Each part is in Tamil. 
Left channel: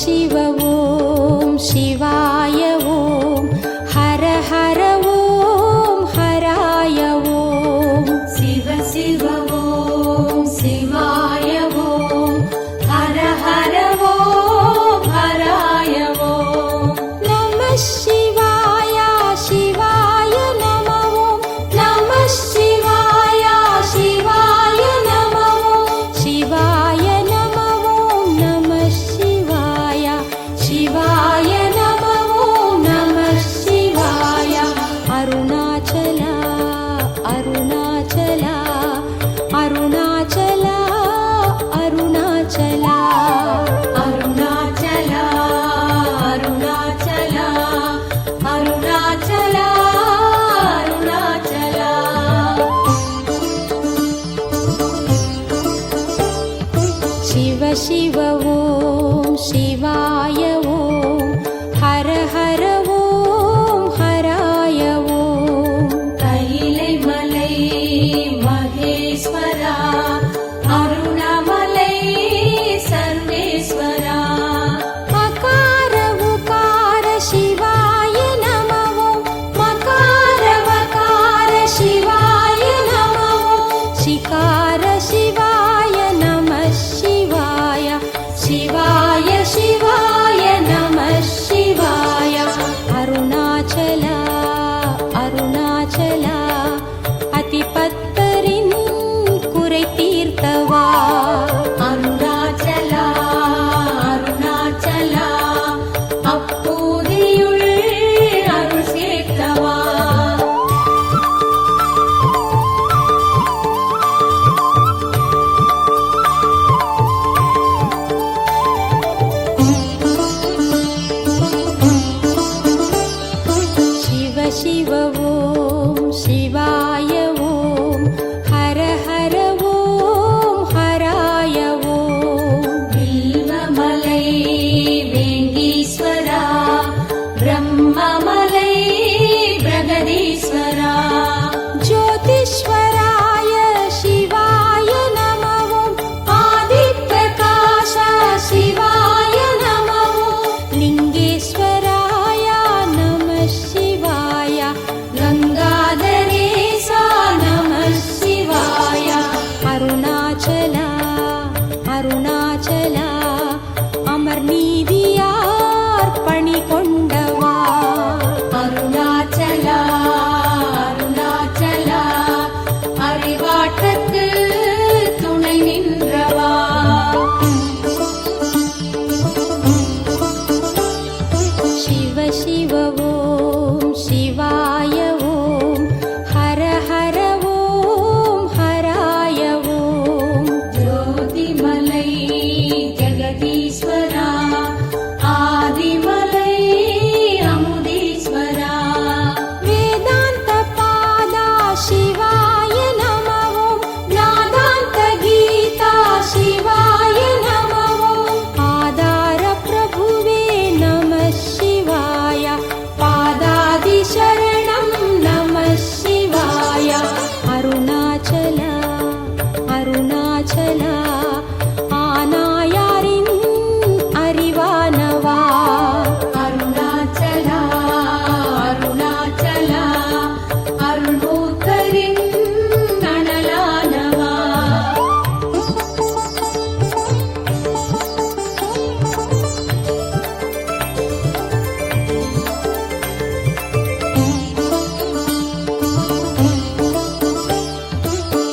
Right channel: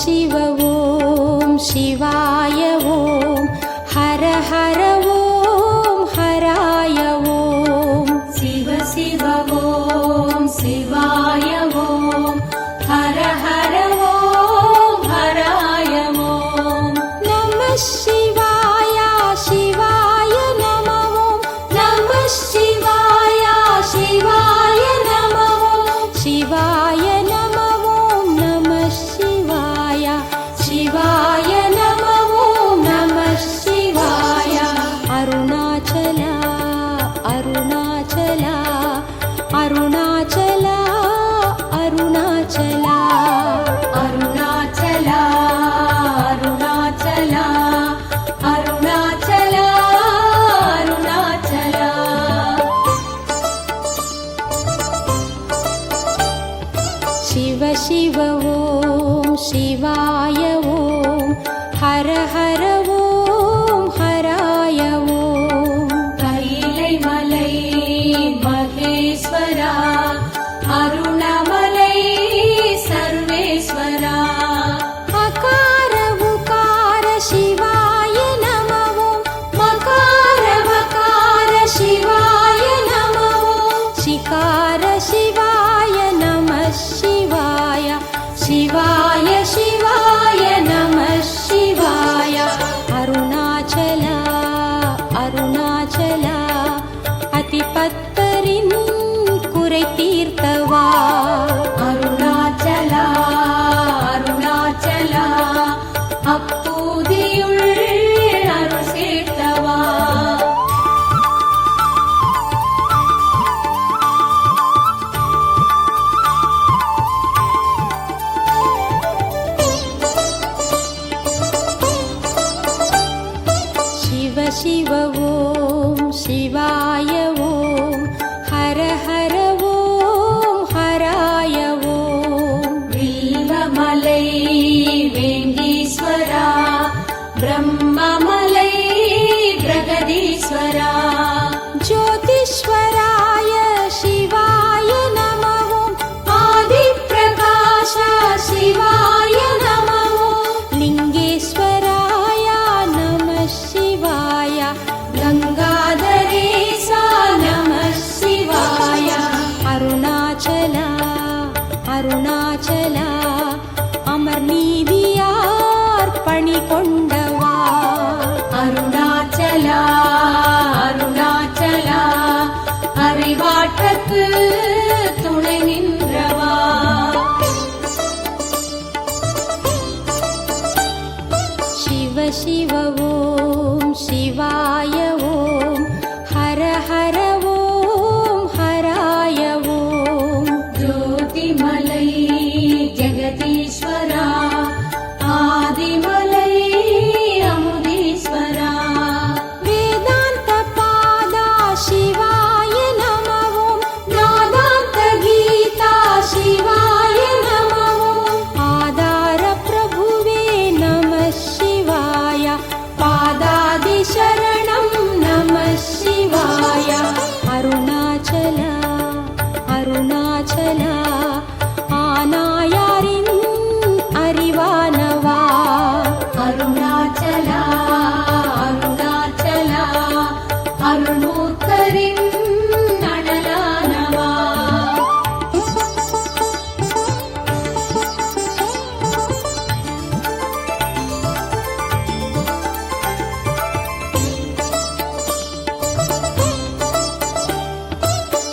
शिव ॐ शिवाय ॐ हर हर ॐ हराय ॐ शिव शिव ॐ शिवाय ॐ हर हर ॐ हराय ॐ नमः शिवाय शिवाय नमः ॐ नमः शिवाय शिवाय नमः ॐ शिवाय नमः ॐ नमः शिवाय शिवाय नमः ॐ नमः शिवाय अरुणाचला अरुणाचला अरुणाचला अरुणाचला अरुणाचला अरुणाचला अरुणाचला अरुणाचला शिव शिव ॐ शिवाय ॐ हर हर ॐ हराय ॐ கைலை மலை மகேஸ்வரா அருணமலை சர்வேஸ்வரா अकार उकार शिवाय नमः ॐ मकार वकार शिवाय नमः ॐ शिकार शिवाय नमः शिवाय शिवाय शिवाय नमः शिवाय अरुणाचला अरुणाचला अतिपत्तरिन् कुறை தீர்த்தவா அருணாச்சலா அருணாச்சலா அப்பூதியுள் அருள் சேர்த்தவா शिव शिव ॐ शिवाय ॐ हर हर ॐ हराय ॐ வீரமலை வேங்கீஸ்வரா பிரம்மமலை பிரகதீஸ்வரா ज्योतिश्वराय शिवाय नमः ॐ आदिप्रकाश शिवाय नमः ॐ लिङ्गेश्वराय नमः शिवाय गङ्गाधरेशा नमः शिवाय अरुणाचला अरुणाचला अमर्नीदियार् पणिकोण्डवा அருணாச்சலா அருணாச்சலா அறிவாற்றத்து துணை நின்றவா शिव शिव ॐ शिवाय ॐ हर हर ॐ हराय ॐ ஜோதிமலை ஜெகதீஸ்வரா ஆதிமலை அமுதீஸ்வரா वेदान्तपादा शिवाय नमः ॐ नादान्तगीता शिवाय नमः ॐ आधारप्रभुवे नमः शिवाय पादादिशरणं नमः शिवाय अरुणाचला अरुणाचला आनायारिन् அறிவானவா அருணாச்சலா அருணாச்சலா அருணூத்தரின் அனலானவா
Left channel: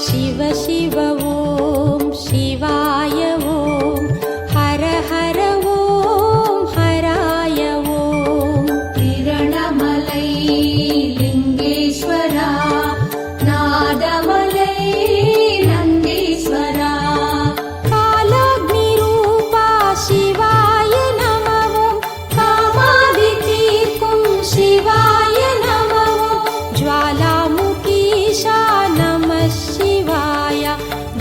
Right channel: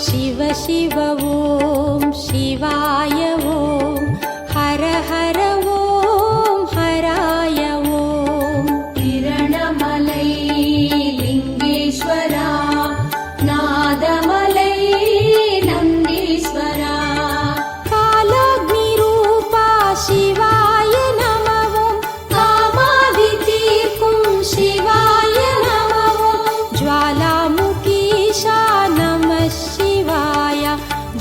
शिव शिव ॐ शिवाय ॐ हर हर ॐ हराय ॐ திரணமலை லிங்கேஸ்வரா நாதமலை நந்தீஸ்வரா कालाग्निरूपा शिवाय नमः ॐ कामादि तीर्க்கும் शिवाय नमः ॐ ज्वालामुखीशा नमः शिवाय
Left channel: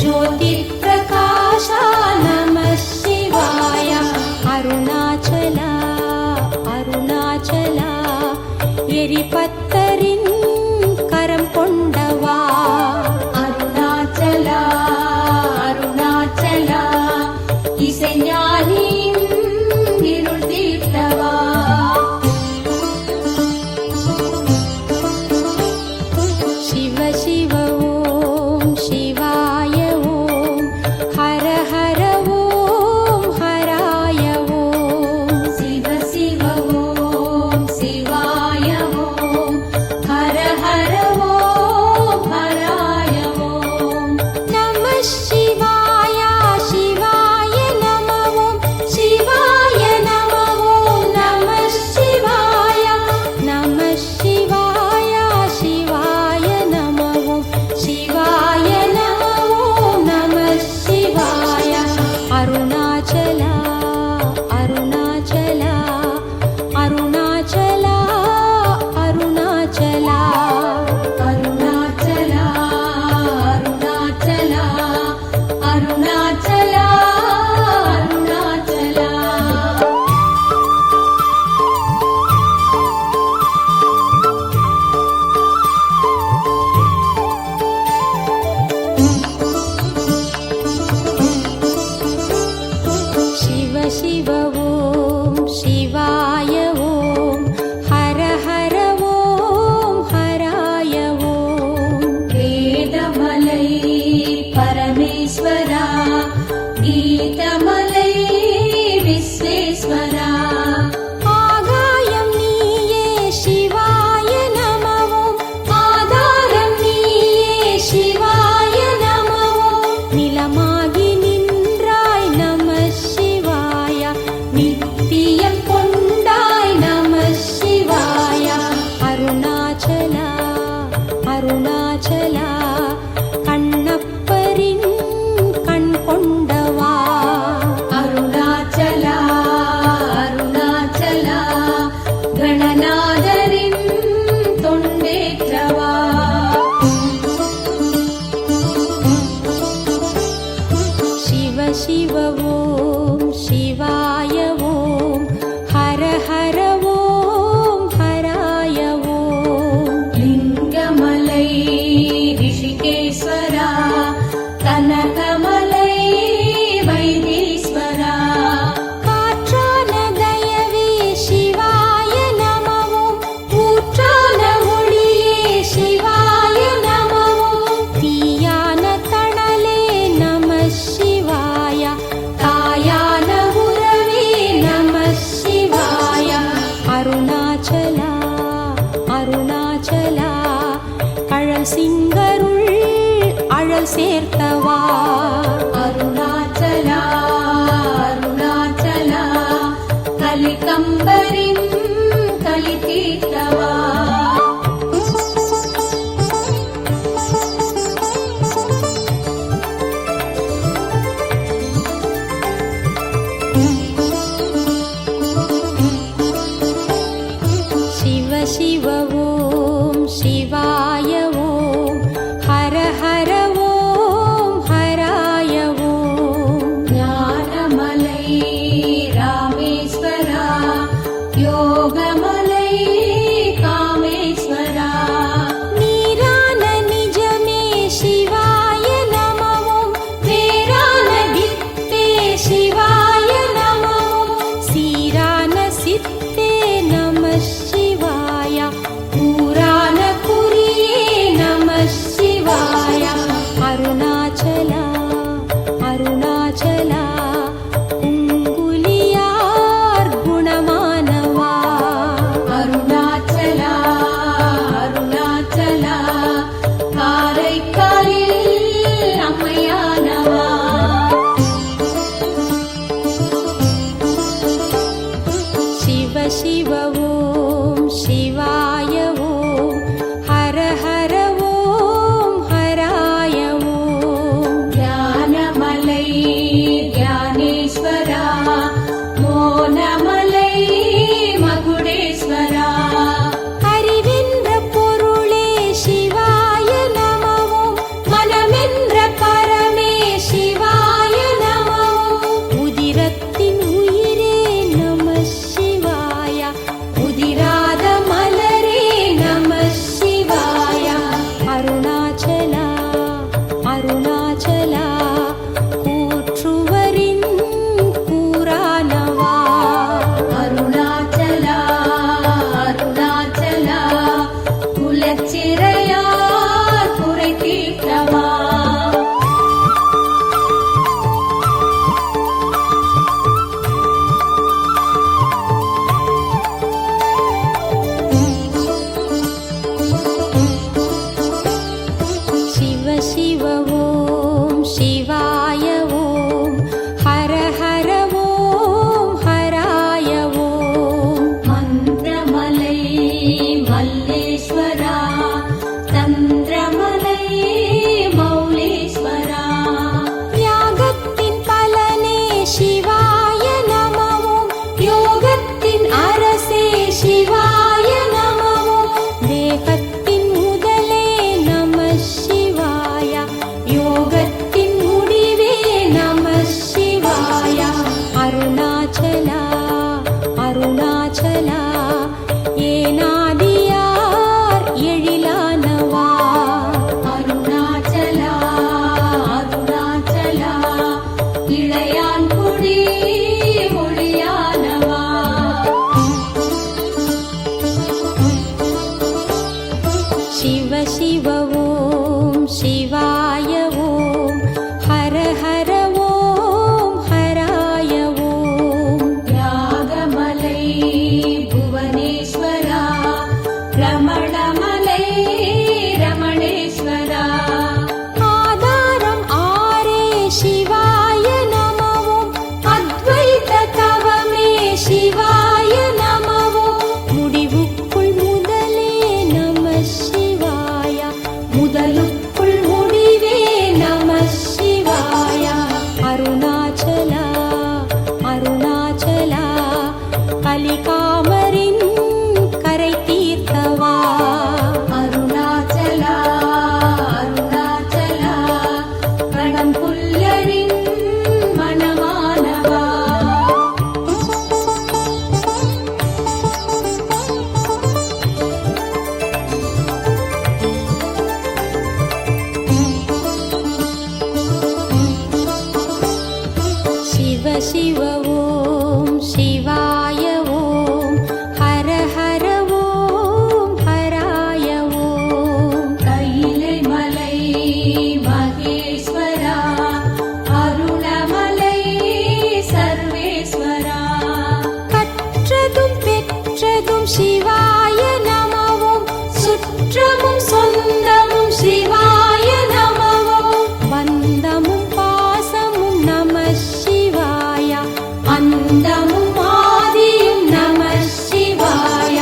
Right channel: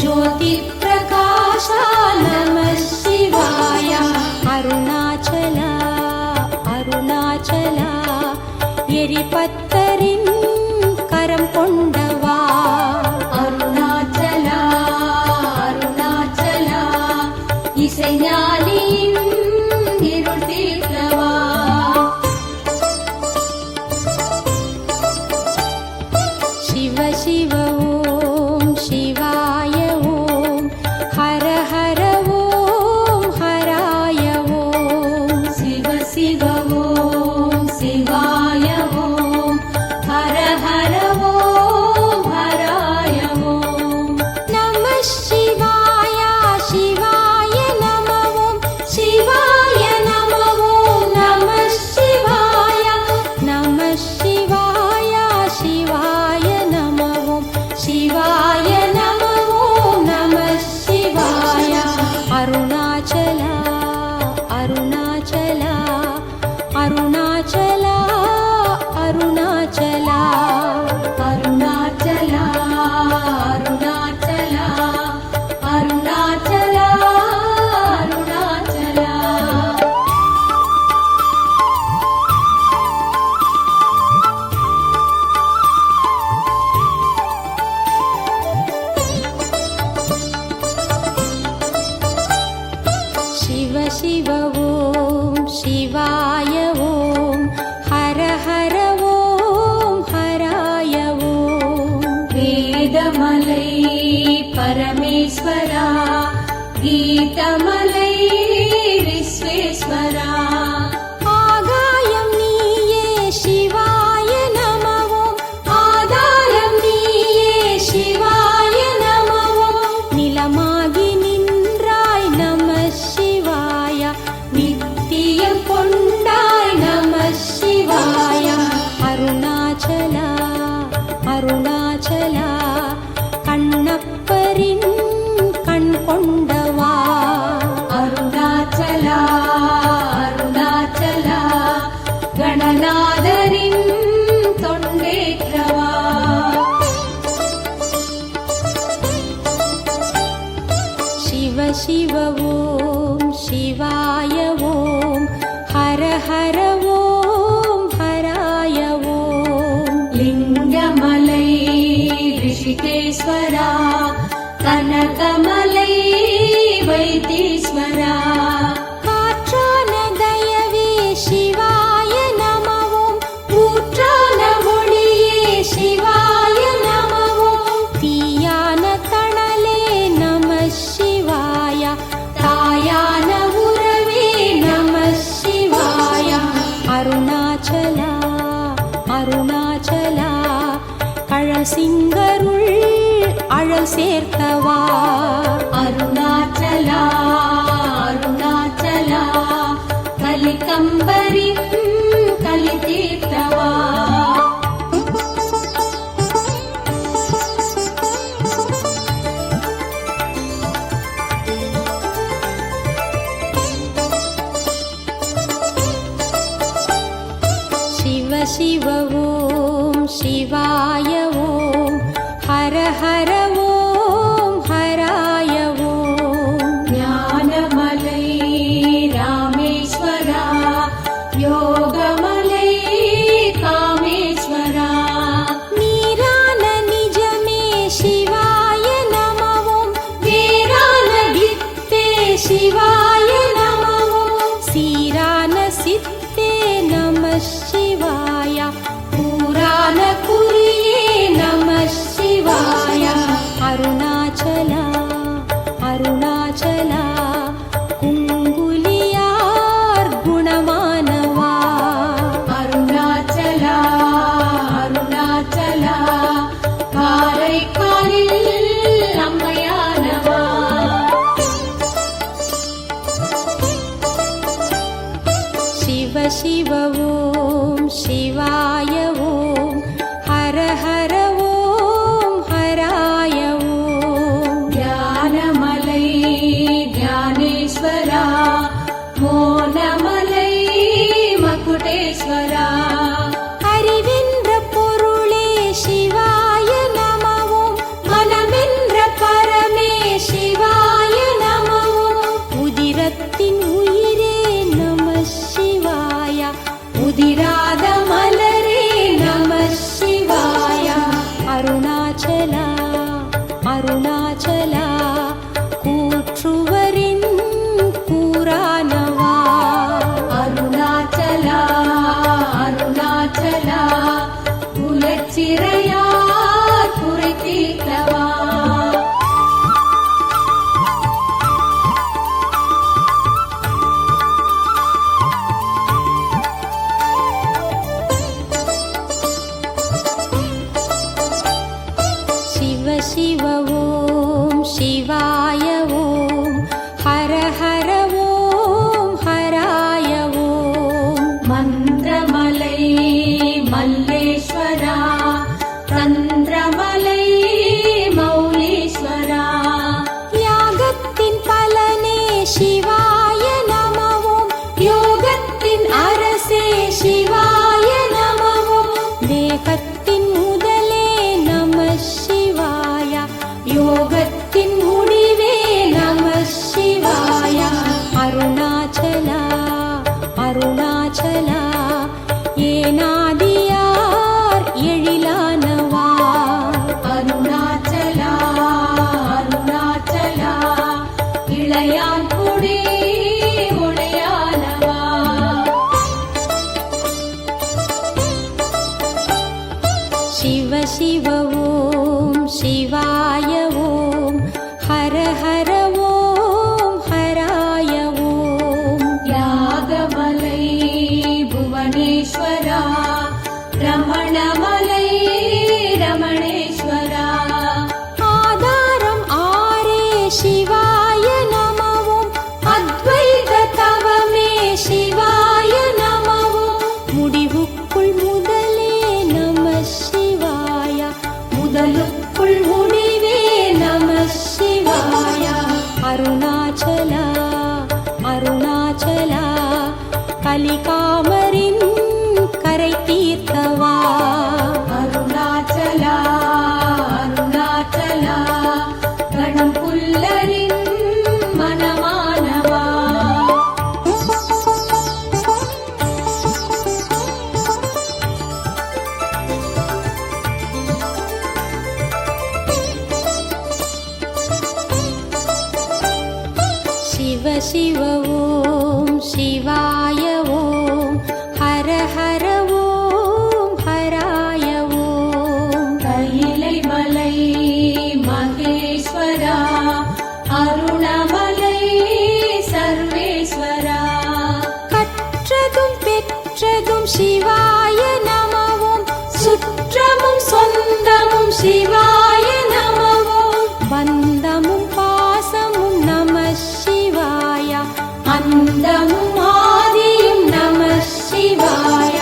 ज्योतिप्रकाशा नमः शिवाय अरुणाचला अरुणाचला எரிபத்தரின் கரம் கொண்டவா அருணாச்சலா அருணாச்சலா இசைஞானியின் அப்பரின் கண் கொண்டவா அருணாச்சலா அருணாச்சலா கணநாதரின் தொண்டேற்றவா சிவ சிவ ஓம் சிவாய ஓம் ஹர ஹர ஓம் ஹராய ஓம் லிங்கமலை ரிஷிகேஸ்வரா கனகமலை வைத்தீஸ்வரா காற்றான தயவே சிவாய நமவோம் ஊற்றான ஒளியே சிவாய நமவோம் தீயான தணலே நம சிவாய தாயான உறவே நம சிவாய அருணாச்சலா அருணாச்சலா கழல் சிங்கருள் அழல் சேர்த்தவா அருணாச்சலா அருணாச்சலா கலிகம்பரின் கலி தீர்த்தவா சிவ சிவ ஓம் சிவாய ஓம் ஹர ஹர ஓம் ஹராய ஓம் ஞானமலை ராமேஸ்வரா யோகமலை காமேஸ்வரா நீரான நிஜமே சிவாய நமவோம் வேரான வித்தே சிவாய நமவோம் சீரான சித்தே நம சிவாய பூரான குறியே நம சிவாய அருணாச்சலா அருணாச்சலா குங்குலியார் குணமானவா அருணாச்சலா அருணாச்சலா காரைக்காலில் அம்மையானவா சிவ சிவ ஓம் சிவாய ஓம் ஹர ஹர ஓம் ஹராய ஓம் ஞானமலை ஞானேஸ்வரா மோனமலை மகுடேஸ்வரா அறிவென்ற பொருளே சிவாய நமவோம் மனமென்ற பரமே சிவாய நமவோம் உதிரத்தின் உயிரே நம சிவாய உதிராத மலரே நம சிவாய அருணாச்சலா அருணாச்சலா கூற்றுவரின் கூறானவா அருணாச்சலா அருணாச்சலா குலச்சிறையார் குறை தீர்த்தவா சிவ சிவ ஓம் சிவாய ஓம் ஹர ஹர ஓம் ஹராய ஓம் மந்திரமலை மல்லேஸ்வரா சந்திரமலை மௌலீஸ்வரா யாகத்தின் பலனே சிவாய நமவோம் யோகத்தின் அரசே சிவாய நமவோம் தேகத்தின் முதலே நம சிவாய யோகத்தின் முடிவே நம சிவாய அருணாச்சலா அருணாச்சலா ஏனாதியார் எழிலானவா அருணாச்சலா அருணாச்சலா இளையான்குடி ஒளியானவா சிவ சிவ ஓம் சிவாய ஓம் ஹர ஹர ஓம் ஹராய ஓம் யாகமலை புவனேஸ்வரா ரமணமலை ரமணேஸ்வரா ஆதாரம் ஆரே சிவாய நமவோம் அத்வைத தவமே சிவாய நமவோம் முடிவுக்குள் முதலே நம சிவாய முதலுக்குள் முடிவே கலிகாமரின் கரை தீர்த்தவா. அருணாச்சலா அருணாச்சலா கணம் புல்லரின் மனமானவா. சிவ சிவ ஓம் சிவாய ஓம் ஹர ஹர ஓம் ஹராய ஓம். கைலை மலை மகேஸ்வரா அருணமலை சர்வேஸ்வரா. கற்றதும் பெற்றதும் சிவாய நமவும் சுற்றமும் சொந்தமும் சிவாய நமவும் பந்தமும் பாசமும் நம சிவாய அந்தமும் ஆதியும் நம சிவாய.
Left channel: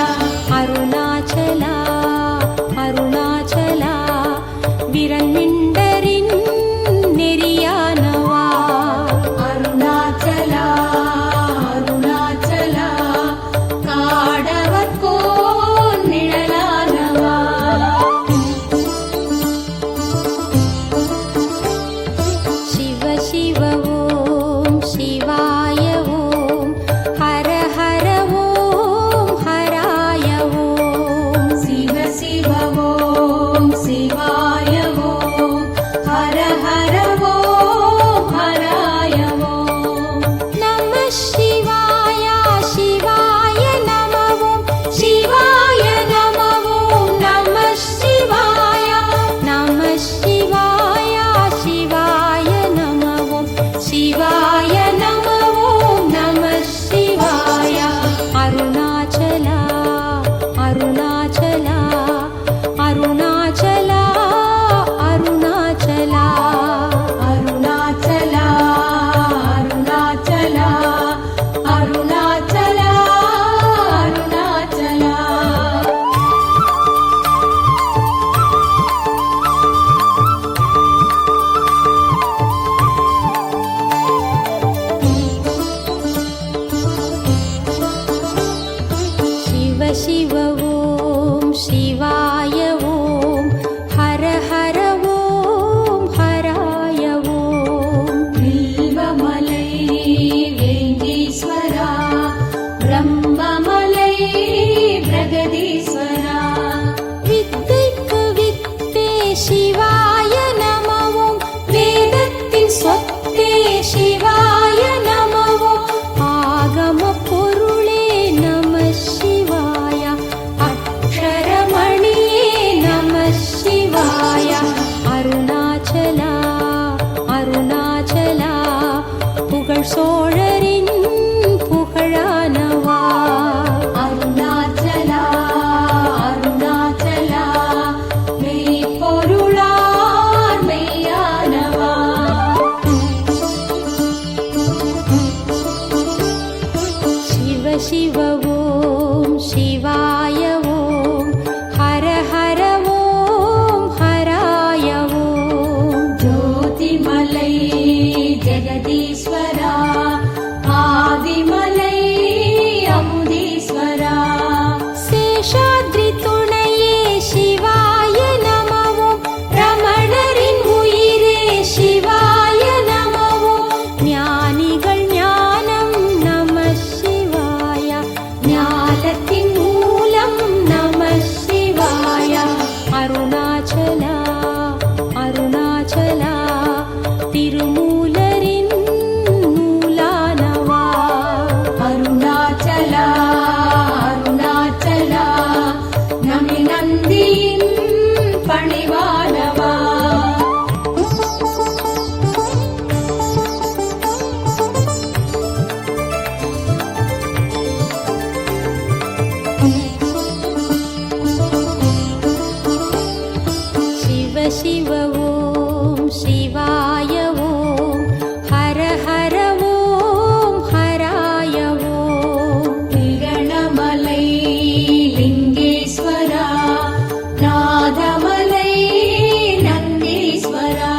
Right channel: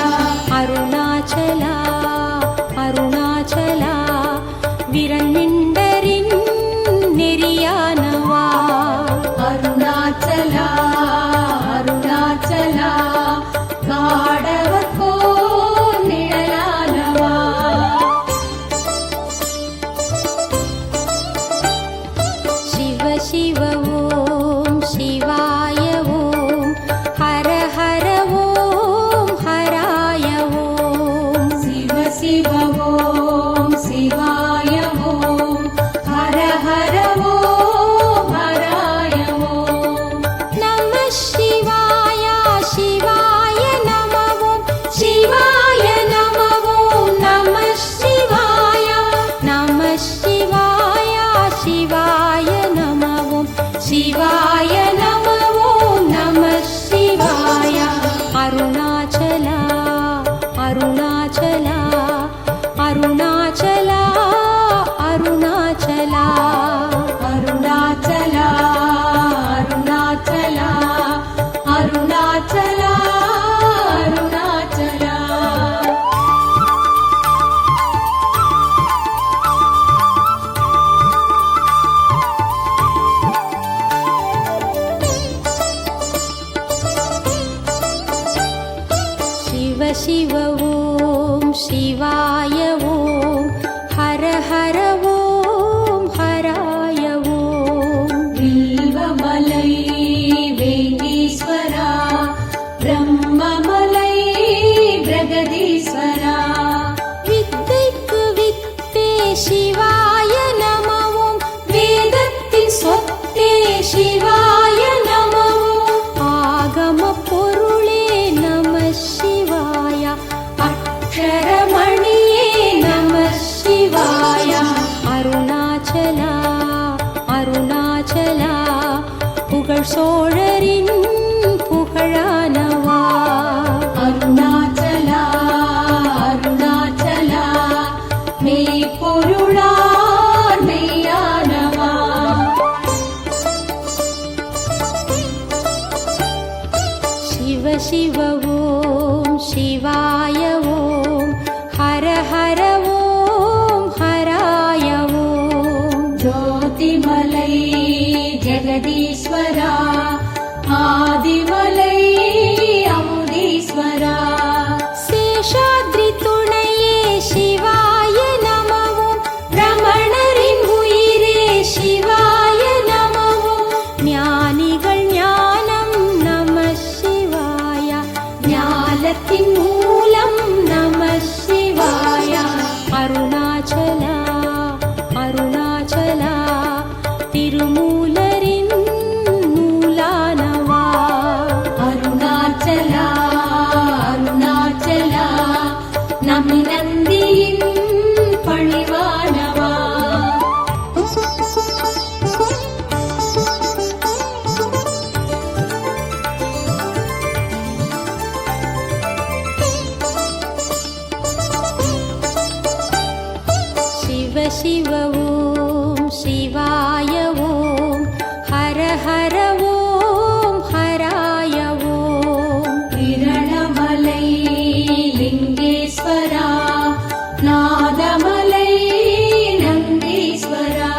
அருணாச்சலா அருணாச்சலா விரண்மிண்டரின் நெறியானவா. அருணாச்சலா அருணாச்சலா காடவர் போல் நிழலானவா. சிவ சிவ ஓம் சிவாய ஓம் ஹர ஹர ஓம் ஹராய ஓம். சிவ சிவ ஓம் சிவாய ஓம் ஹர ஹர ஓம் ஹராய ஓம். நம சிவாய சிவாய நமவோம் சிவாய நமவோம் நம சிவாய. நம சிவாய சிவாய நமவோம் சிவாய நமவோம் நம சிவாய. அருணாச்சலா அருணாச்சலா அருணாச்சலா அருணாச்சலா. அருணாச்சலா அருணாச்சலா அருணாச்சலா அருணாச்சலா. சிவ சிவ ஓம் சிவாய ஓம் ஹர ஹர ஓம் ஹராய ஓம். வில்வமலை வேங்கீஸ்வரா பிரம்மமலை பிரகதீஸ்வரா. வித்தைக்கு வித்தே சிவாய நமவோம் வேதத்தின் சொத்தே சிவாய நமவோம். ஆகம பொருளே நம சிவாய அக்ஷரமணியே நம சிவாய. அருணாச்சலா அருணாச்சலா புகழ் சோழரின் புகழானவா. அருணாச்சலா அருணாச்சலா மெய்ப்பொருளார் மெய்யானவா. சிவ சிவ ஓம் சிவாய ஓம் ஹர ஹர ஓம் ஹராய ஓம். ஜோதிமலை ஜெகதீஸ்வரா ஆதிமலை அமுதீஸ்வரா. சேஷாத்ரி துணையே சிவாய நமவோம் ரமணரின் உயிரே சிவாய நமவோம். ஞானிகள் ஞானம் நம சிவாய ஞானத்தின் மூலம் நம சிவாய. அருணாச்சலா அருணாச்சலா திருமூலரின் நூலானவா. அருணாச்சலா அருணாச்சலா நம்பி நந்தியின் பணிவானவா. சிவ சிவ ஓம் சிவாய ஓம் ஹர ஹர ஓம் ஹராய ஓம். விரணமலை லிங்கேஸ்வரா நாதமலை நந்தீஸ்வரா.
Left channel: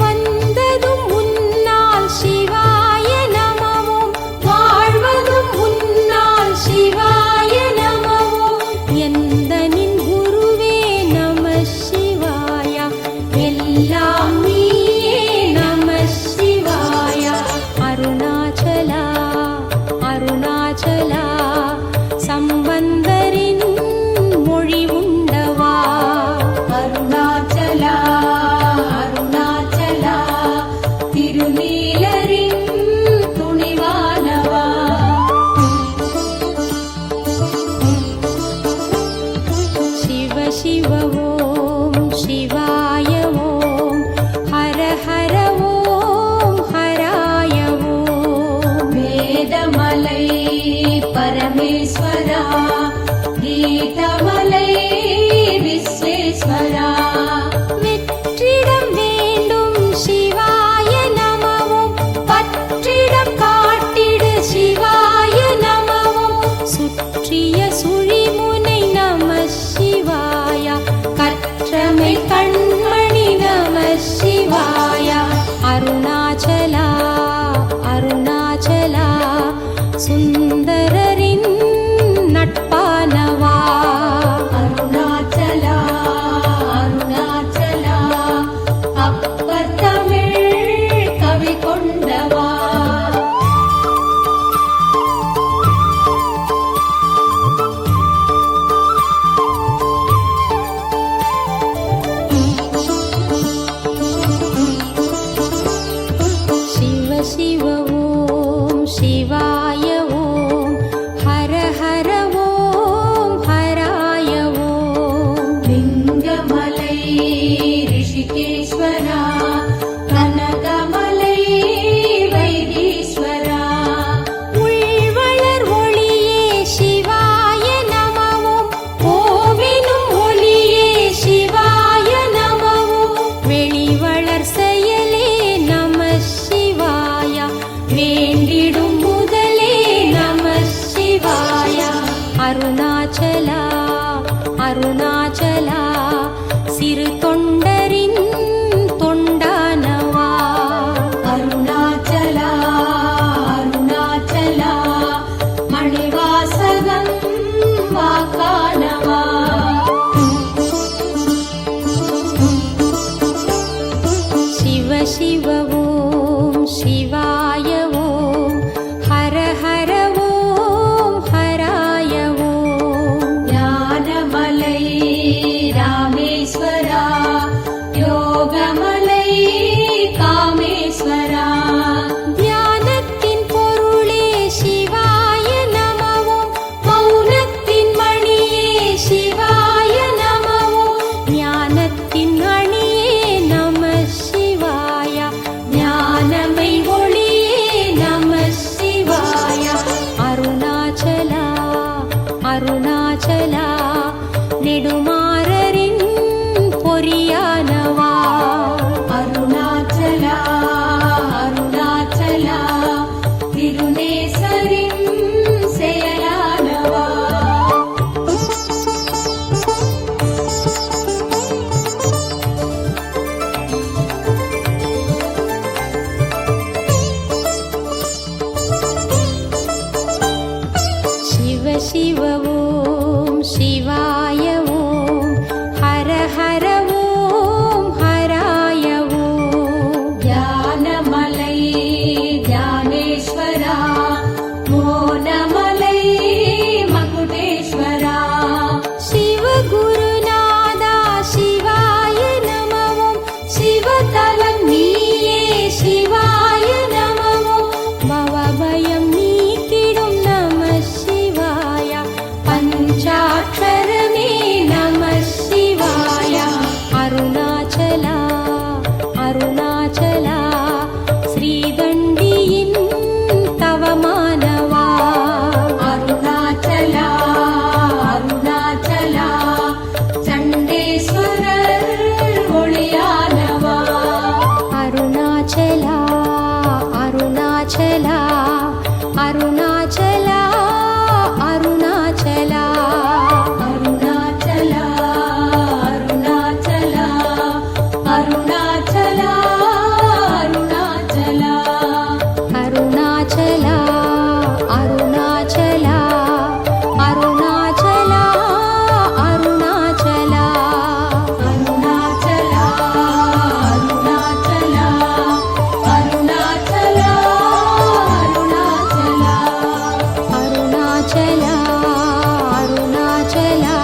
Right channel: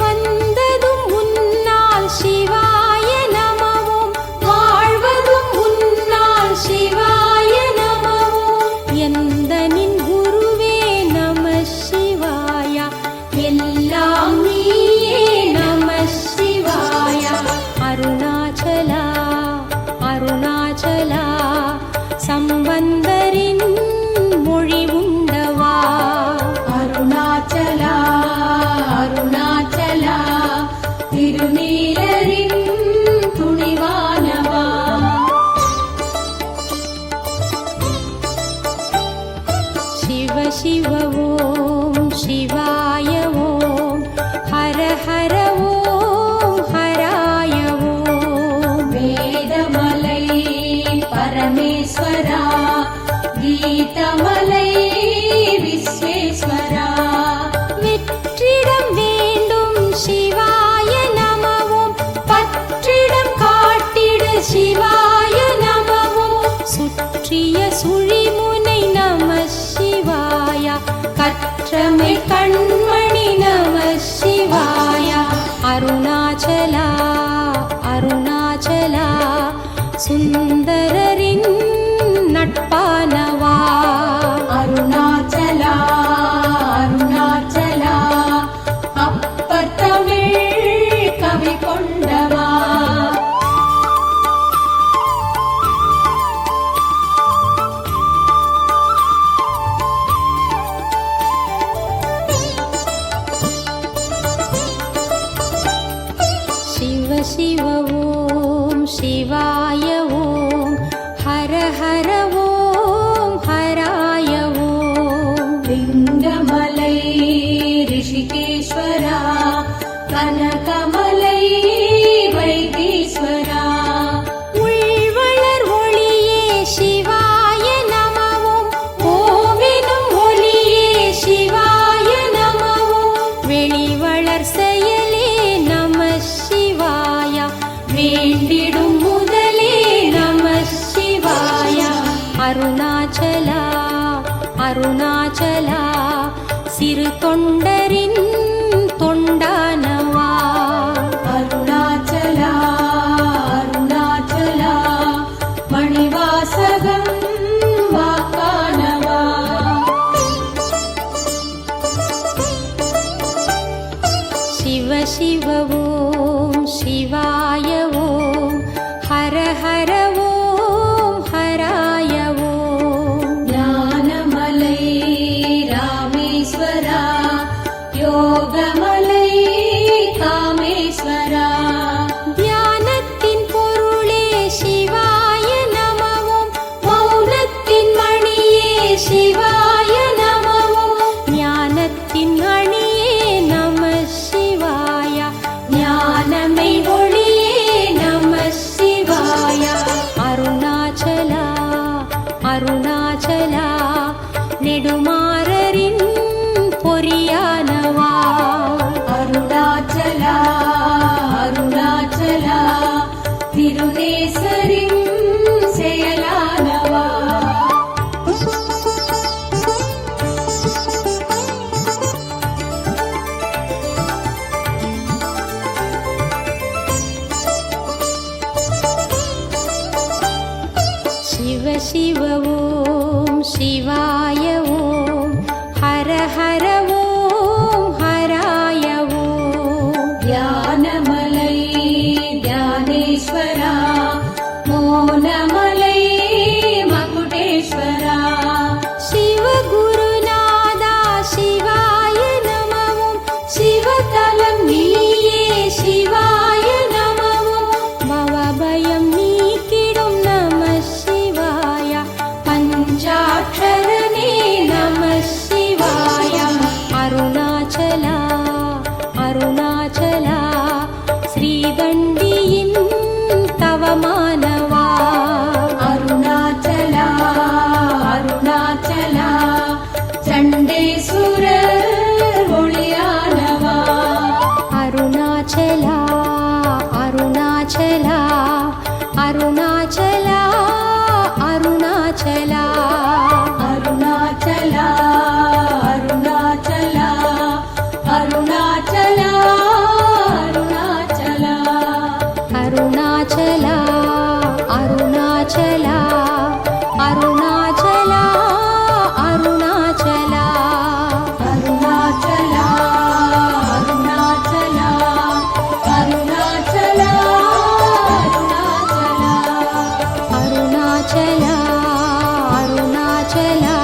வந்ததும் உன்னால் சிவாய நமவோம் வாழ்வதும் உன்னால் शिव ॐ शिवाय ॐ हर हर ॐ हराय ॐ வேதமலை பரமேஸ்வரா கீதமலை விஸ்வேஸ்வரா வெற்றிடம் வேண்டும் சிவாய நமவும் பற்றிடம் காட்டிடு சிவாய நமவும் சுற்றிய சுழிமுனை நம சிவாய கற்றமை கண்மணி நம சிவாய அருணாச்சலா அருணாச்சலா சுந்தரரின் நட்பானவா அருணாச்சலா அருணாச்சலா அப்பர் தமிழ் கவி கொண்டவா शिव शिव ॐ शिवाय ॐ हर हर ॐ हराय ॐ லிங்கமலை ரிஷிகேஸ்வரா கனகமலை வைத்தீஸ்வரா உள்வளர் ஒளியே சிவாய நமவும் ஓவினும் ஒளியே சிவாய நமவும் வெளிவளர் செயலே நம சிவாய வேண்டிடும் முதலே நம சிவாய அருணாச்சலா அருணாச்சலா சிறு தொண்டரின் தொண்டானவா அருணாச்சலா அருணாச்சலா மணிவாசகம் வாக்கானவா शिव शिव ॐ शिवाय ॐ हर हर ॐ हराय ॐ ஞானமலை ராமேஸ்வரா யோகமலை காமேஸ்வரா தியானத்தின் பொருளே சிவாய நமவும் மௌனத்தின் மணியே சிவாய நமவும் ஞானத்தின் அணியே நம சிவாய ஞானமை ஒளியே நம சிவாய அருணாச்சலா அருணாச்சலா நெடுமாறரின் பொறியானவா அருணாச்சலா அருணாச்சலா திருநேசரின் செயலானவா शिव शिव ॐ शिवाय ॐ हर हर ॐ हराय ॐ ஞானமலை ஞானேஸ்வரா மோனமலை மகுடேஸ்வரா शिव गुरुनादा शिवाय நமவும் சிவதவம் நீயே சிவாய நமவும் பவபயம் நீக்கிடும் நம சிவாய பஞ்சாட்சரனே நம சிவாய அருணாச்சலா அருணாச்சலா ஸ்ரீதண்டியின் தவமானவா அருணாச்சலா அருணாச்சலா சண்டேஸ்வரர் ஒளியானவா அருணாச்சலா அருணாச்சலா அருணாச்சலா அருணாச்சலா அருணாச்சலா அருணாச்சலா அருணாச்சலா அருணாச்சலா அருணாச்சலா அருணாச்சலா அருணாச்சலா அருணாச்சலா அருணாச்சலா அருணாச்சலா அருணாச்சலா அருணாச்சலா அருணாச்சலா